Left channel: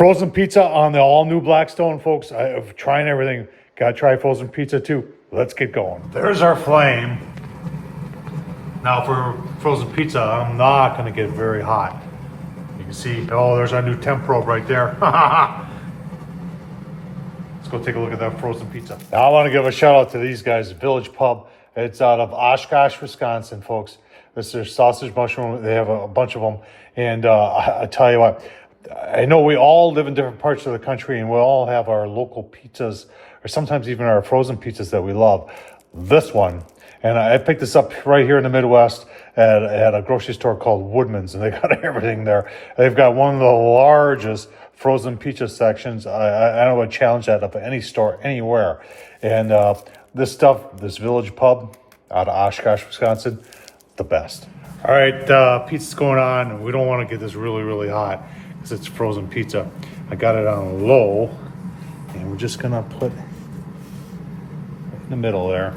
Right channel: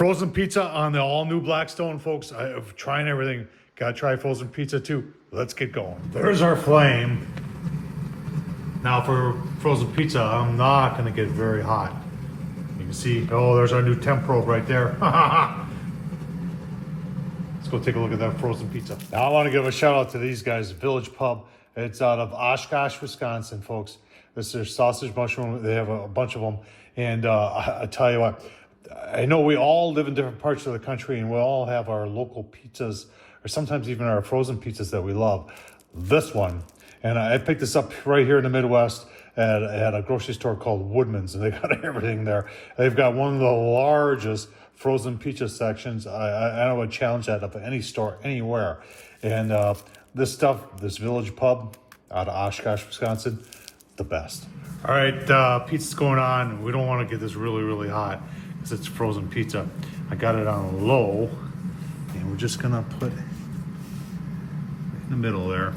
Frozen pizza on the all-new Blackstone, folks. I'm trying everything. Gotta try frozen pizza too. Let's get going. There's our flame. Now for frozen pizza, I'm not gonna get very hot. You can see, oh, there's our new temp probe right there. Let's go take a look at that frozen pizza. Now I wanna give a shout out to these guys, Village Pub. It's out of Oshkosh, Wisconsin, folks. This is their sausage mushroom. They have a bunch of them. And I tell you what, I know we all live in different parts of the country and we all have our local pizzas or sometimes even our frozen pizzas that we love. This one, and I picked this up right here in the Midwest at a grocery store called Woodman's, and they got everything there. They've got one of the largest frozen pizza sections. I would challenge that of any store anywhere. And this stuff, this Village Pub out of Oshkosh, Wisconsin, the best. All right, pizza's going on. We don't want to get this really, really hot because it's frozen pizza. I got it on low, and we're just gonna put in the middle there.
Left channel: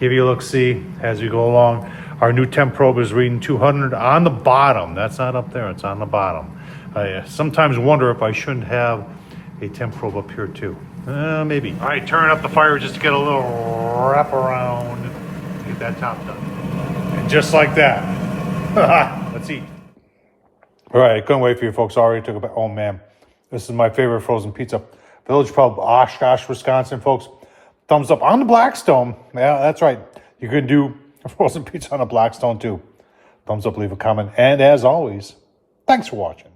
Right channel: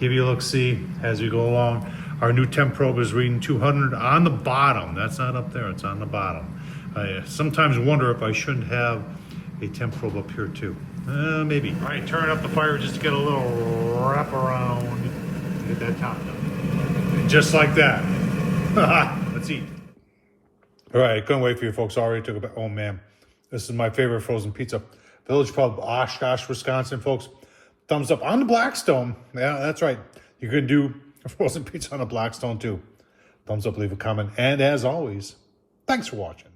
Give you a look-see as we go along. Our new temp probe is reading 200 on the bottom. That's not up there, it's on the bottom. I sometimes wonder if I shouldn't have a temp probe up here too. Maybe. All right, turn up the fire just to get a little wrap around. Get that top done. And just like that. Let's eat. All right, I couldn't wait for you folks. I already took a bite. Oh man, this is my favorite frozen pizza. Village Pub, Oshkosh, Wisconsin, folks. Thumbs up on the Blackstone. Yeah, that's right. You can do a frozen pizza on a Blackstone too. Thumbs up, leave a comment. And as always, thanks for watching.